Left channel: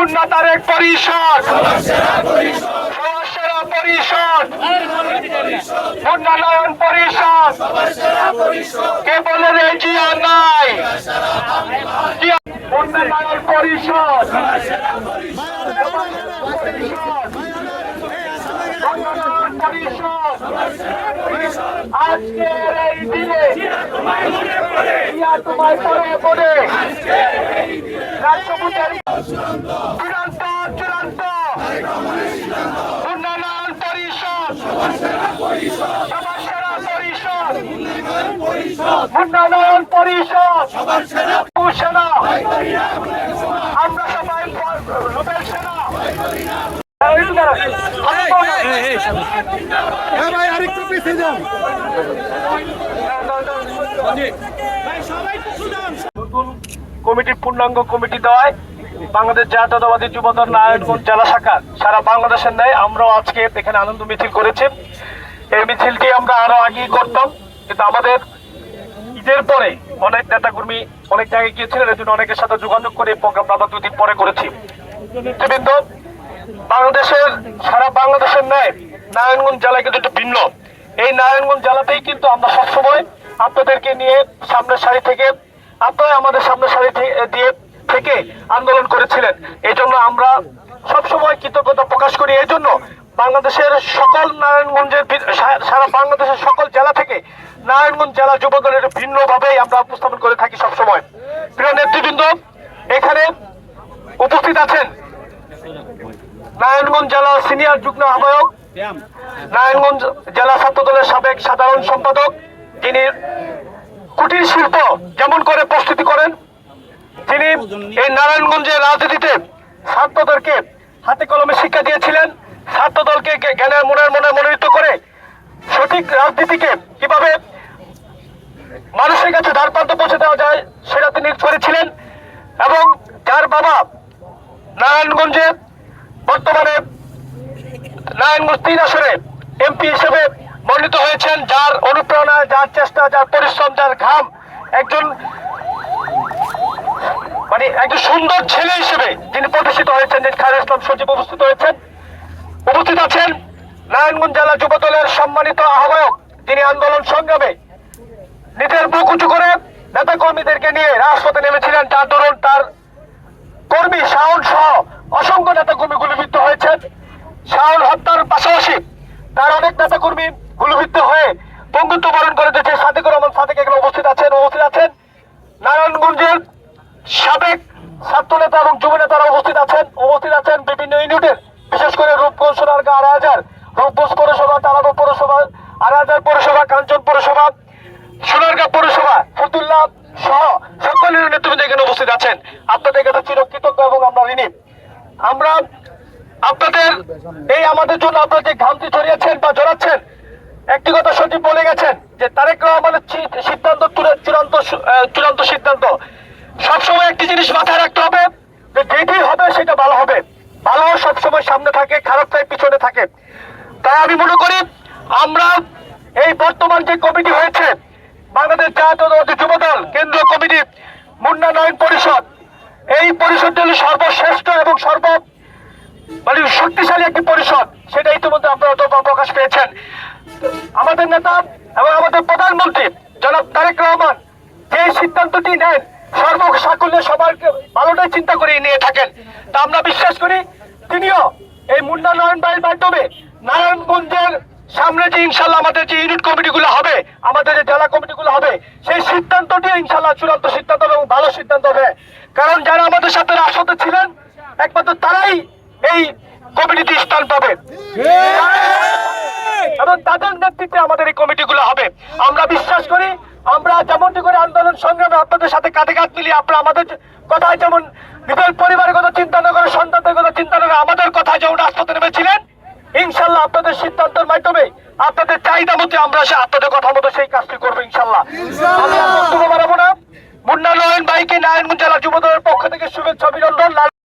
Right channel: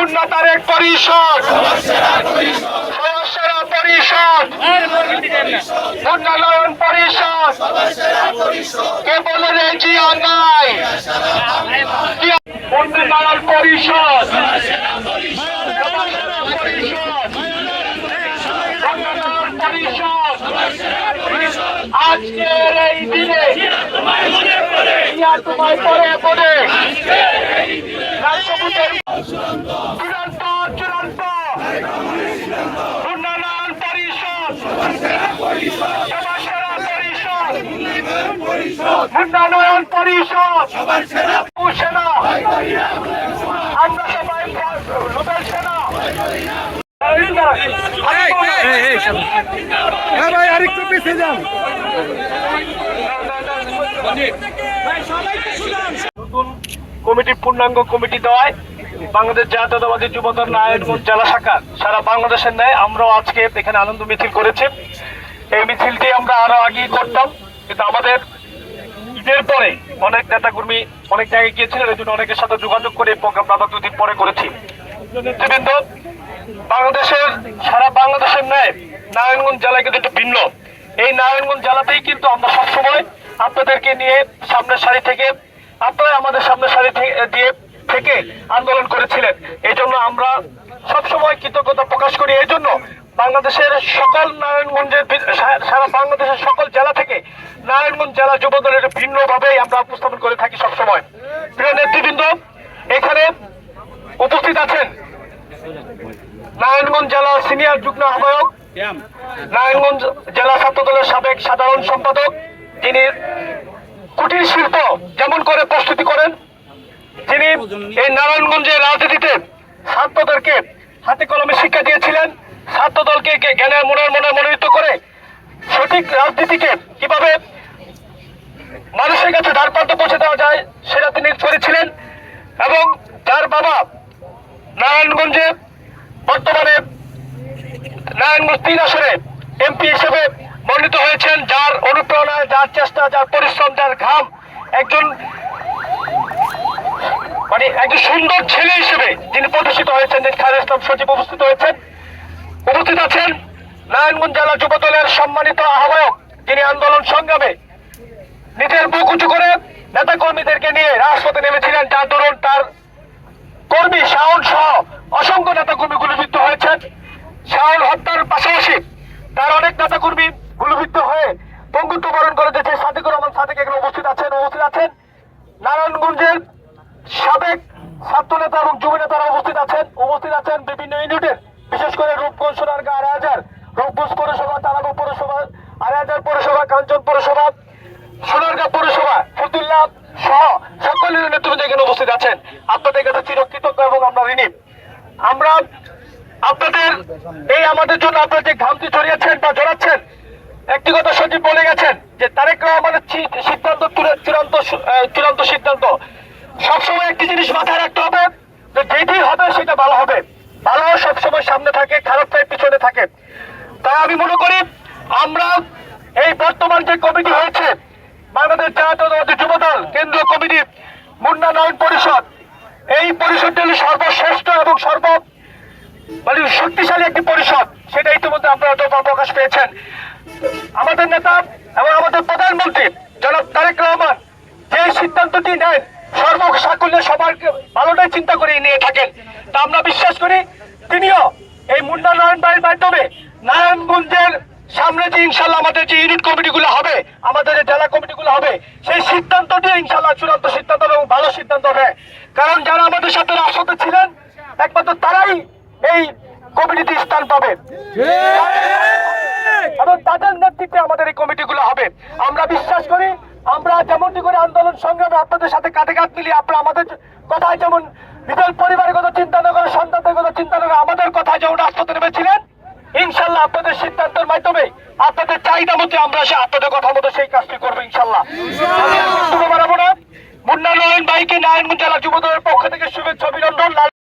উন্নতারের পরিষদ, সদস্যরা পরিষদ, উন্নয়ন পরিষদ, কে বলে রে জিয়া নাই, উন্নয়ন পরিষদ, উন্নয়ন পরিষদ, আজকের এই দিনে জিয়া তোমায় পরে পরে রাষ্ট্রপতির চূড়ান্ত চূড়ান্ত উন্নয়ন পরিষদ, সবার সেরা পরিষদ, উন্নয়ন পরিষদ, সেনা, আমরা সবাই লোকের সেনা। নতুন কমিটির পূর্ণাঙ্গ কমিটি দেওয়ায় বাংলাদেশ জাতীয়তাবাদী যুবদল নারায়ণগঞ্জ জেলা শাখা সারা বাংলাদেশের ন্যায় আমরাও আজকে এখানে আনন্দ মিছিল করেছি। এই মিছিলটি আমরা আরো আগেই করতাম, কিন্তু আমাদের ঈদের পরে অনেক নেতাকর্মী অনেক জায়গায় গিয়েছিলেন, এই জন্য অনেকের সাথে যোগাযোগ করে প্রোগ্রাম আমরা 2 দিন পরে করেছি। কিন্তু বাংলাদেশের সারা বাংলাদেশের ন্যায় নারায়ণগঞ্জ জেলা কিন্তু একটু ভিন্ন। এই নারায়ণগঞ্জ জেলাতেই কিন্তু আমরা সবসময় আপনাদেরকে নিয়ে সামনের সারি থেকে, আপনারা আমাদের সামনের সারি দিয়ে থেকে আন্দোলন করেছিলেন। এই জন্য আমরা সবসময় কৃতজ্ঞতা প্রকাশ করি। এই জন্য বাংলাদেশের সকল নারায়ণগঞ্জের সারা বাংলাদেশের সকল জেলা থেকে নারায়ণগঞ্জ জেলা যুবদলের ভিন্নভাবেই আমরা উপস্থাপন করে থাকি সবসময়। প্রিয় নেতৃবৃন্দ, এখানে উপস্থিত আছেন নারায়ণগঞ্জ জেলা সিনিয়র যুগ্ম আহ্বায়ক, নারায়ণগঞ্জ জেলা ছাত্র দলের সাবেক সাধারণ সম্পাদক, তিনি কুটির শিল্প যেমন করে প্রস্তুতি করেন, তিনি এই নারায়ণগঞ্জের রাজনীতিতে ছাত্রদেরকে হাতে কলমে শিক্ষা দিয়েছিলেন। ছাত্রদলকে জ্ঞানের মনের মনোনীত করে সঠিক রাজনীতিকে কিভাবে মানুষের কাছে দ্বারপ্রান্তে পৌঁছে দেওয়া যায় সেটা তিনি করেছিলেন। এবং যার বাবা নারায়ণগঞ্জে বর্তমানে নারায়ণগঞ্জ 3 আসনে এমপি হিসেবে মনোনীত হয়েছেন, যার অনুপ্রেরণায়, যার চেষ্টা, যার পরিশ্রম, যার ঘাম, একজন সুন্দর ছেলে হিসেবে যিনি প্রতিষ্ঠিত হয়েছেন, খায়রুল ইসলাম সজীব উপস্থিত হয়েছেন। উপস্থিত আছেন নারায়ণগঞ্জ জেলা যুবদলের সম্মানিত আহ্বায়ক, যিনি আন্দোলন সংগ্রামে নিজের বুক উঁচু করে নেতা কর্মীদেরকে নিয়ে রাজপথে নেমেছিলেন, যার দরুন তার কর্মী শাওন সহ অসংখ্য নেতা কর্মী গুলিবিদ্ধ হয়েছেন। শাওন হত্যার পাশাপাশি তার অনেক নেতা কর্মী গুলিবিদ্ধ হয়ে বঙ্গুত্ব বরণ করে দিয়েছে। সাদিকুর রহমান সাদিক এখানে উপস্থিত আছেন। নারায়ণগঞ্জের সাবেক ছাত্র নেতা এবং যুব নেতারা উপস্থিত আছেন বিভিন্ন ইউনিটের, বিশেষ করে রূপগঞ্জ, সোনারগাঁ, আড়াইহাজার, রূপগঞ্জ পৌরসভা, তারাপুর পৌরসভা, আড়াইহাজার পৌরসভা, কাঞ্চন পৌরসভা, সোনারগাঁ পৌরসভা, ফতুল্লা সহ সকল নেতৃবৃন্দ এখানে উপস্থিত আছেন। আপনাদের কাছে চিরকৃতজ্ঞ এবং আমরা ঋণী। আমরা আপনাদের এই আমাদের জন্য আপনারা যে ঘামটি ছড়িয়েছেন বা জড়াচ্ছেন, একটি কথা সচিব বলে গেছেন যে তারেক রহমানের সিদ্ধান্ত চূড়ান্ত সিদ্ধান্ত। সবসময় একটি জিনিস মাথায় রাখতে হবে যে যেটি হবে সেটা ভালো হবে। ভালো সবসময় সামনে থাকে, খারাপটাই পিছনে থাকে। তাই আমি মনে করি আমরা এই বর্তমান যে কমিটি হয়েছে বাংলাদেশ জাতীয়তাবাদী যুবদল কেন্দ্রীয় কমিটি উন্নয়ন পরিষদ, এই পরিষদটি হল সর্বশ্রেষ্ঠ এবং শক্তিশালী একটি পরিষদ। সেটা ইতিমধ্যে আপনারা তো প্রকাশ পেয়েছেন। আমাদের নেতা এবং আমাদের প্রধানমন্ত্রী জনাব তারেক রহমান যে সিদ্ধান্তটি নেন সর্বসাকুল্যে সবার ভালোটাই চিন্তা করে নিয়ে থাকেন। তা আমরা বিশ্বাস করি তিনিও এই উন্নয়ন বাড়ির মাধ্যমে নারায়ণগঞ্জের সামনে যে ইনশাল্লাহ আমাদের যে ইউনিট কমিটিগুলো হবে, আমাদের যে জেলা কমিটিগুলো হবে, সেই সিদ্ধান্তটি ইনশাল্লাহ চূড়ান্ত সিদ্ধান্ত এবং ভালো সিদ্ধান্ত হবে। কারণ যারা আমাদের সাথে রাজপথে ছিলেন একমাত্র তারাই এই কমিটিতে স্থান পাবে এবং তাদের নেতৃত্বে আমাদের এই কমিটিগুলো হবে। আমরা বিশ্বাস করি আমরা যেমনটি করে আন্দোলন সংগ্রামে আপনাদের সাথে কাঁধে কাঁধ মিলিয়ে আপনারা আমাদের কথায় যেমন নিজের পরিবারের কথা চিন্তা না করে, সন্তানদের কথা চিন্তা না করে আমাদের কথায় যেমন রাজপথে নেমেছিলেন, ইনশাল্লাহ আপনাদের সিদ্ধান্তের মাধ্যমে আপনাদের চাহিদা মতো আমরা আপনাদের কথা মতো সেই কাজটি করবো ইনশাল্লাহ। আমি আর বক্তব্য বাড়াবো না। মুন্না নয়ন ভাইকে নারায়ণগঞ্জ জেলা যুবদলের পক্ষ থেকে শুভেচ্ছা অভিনন্দন।